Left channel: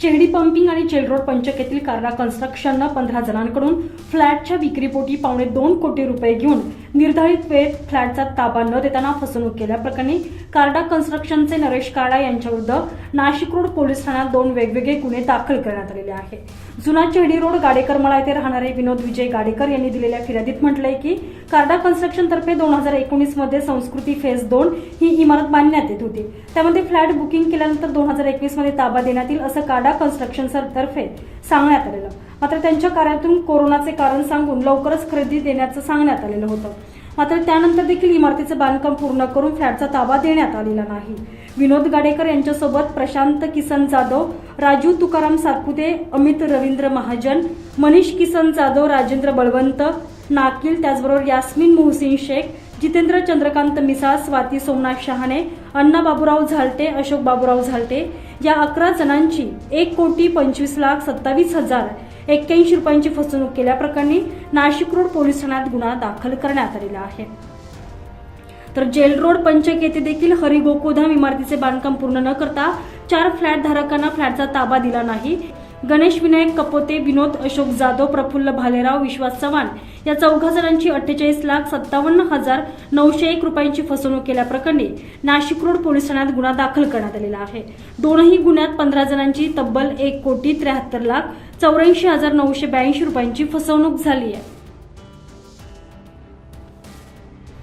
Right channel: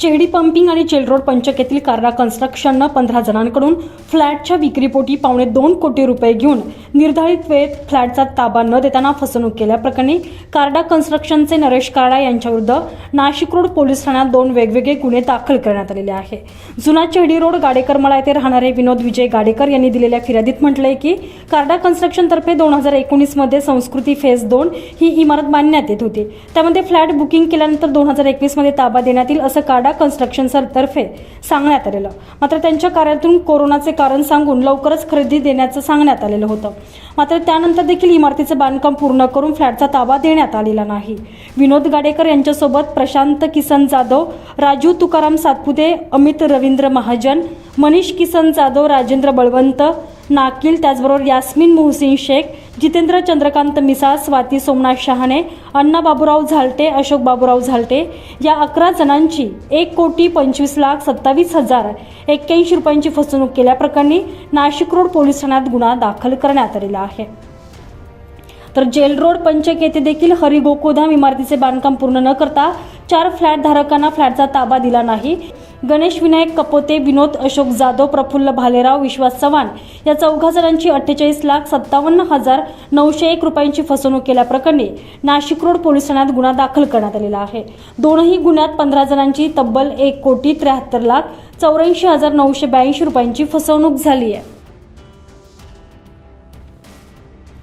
Chehedi pumping आणि चेलरोड पंचकेतील कार्डा कन्स्ट्रक्शननं पंधरा जणांकडून फ्लॅटच्या विक्रीपोटी पावणे दोन कोटी रुपये घेऊन निर्धारित वेळेत फ्लॅटचा ताबा न देताना फसवणूक केल्याप्रकरणी कार्डा कन्स्ट्रक्शनचे नरेश कार्डा यांच्याविरुद्ध नाशिक रोड पोलीस ठाण्यात दोन वेगवेगळे गुन्हे दाखल करण्यात आलेले आहे. जुना चेहडी रोड गाडेकरमाळा येथे राहणारे विनोद विजय गाडेकर यांनी दिलेल्या फिर्यादीत म्हटलंय की कार्डा कन्स्ट्रक्शनतर्फे दोन हजार एकोणीसमध्ये संस्कृती फेज दोन ही इमारत बांधण्यात येत होती. त्यामध्ये फ्लॅट बुकिंग केल्यानंतर दोन हजार एकवीसमध्ये ताबा देण्यात येईल असं कार्डा कन्स्ट्रक्शन तर्फे सांगण्यात आलेलं. मात्र त्यांच्या कार्यातून कोरोनाचे कारण सांगून लवकरच खरेदी देण्याचं सांगण्यात आलेलं होतं. मात्र त्यानंतर देखील इमारतीचं बांधकाम पूर्ण करून फ्लॅटचा ताबा देण्यात आलेला नाही. विनोद गाडेकर यांच्यासोबत प्रशांत किसन जाधव राजू तुकाराम सातपुते अमित रवींद्र महाजन मनीष किसन जाधव राजेंद्र बळवंत नाकील त्याचबरोबर यास्मिन मोहसिन शेख जितेंद्र चंद्रकांत मिसाळ स्वाती सोमनाथ शहाणे अण्णा बाबूराव झालटे अशोक बाबूराव झालटे या अकरा जणांची एक कोटी पंचवीस लाख सत्तावीस हजार एक्क्याऐंशी रुपयांची फसवणूक केल्याप्रकरणी नाशिक रोड पोलीस ठाण्यात गुन्हा दाखल करण्यात आलेला आहे. तर जेल रोड पंचक येथे देखील हरिगोकुधाम इमारतीचे बांधकाम पूर्ण न करता चार फ्लॅट धारकांना फ्लॅटचा ताबा दिला नाही. गणेश विनायक कपोते विनोद अशोक जाधव प्रफुल्ल भालेराव विश्वास चव्हाण या चौघा जणांची अठ्ठेचाळीस लाख सत्तावन्न हजार नऊशे एक रुपयांची फसवणूक केल्याप्रकरणी नाशिक रोड पोलीस ठाण्यात गुन्हा दाखल करण्यात आलेला आहे. दोनही गुन्ह्यात पंधरा जणांची तब्बल एक कोटी त्र्याहत्तर लाख चौऱ्याऐंशी हजार नऊशे ब्याऐंशी रुपयांची फसवणूक झाली आहे.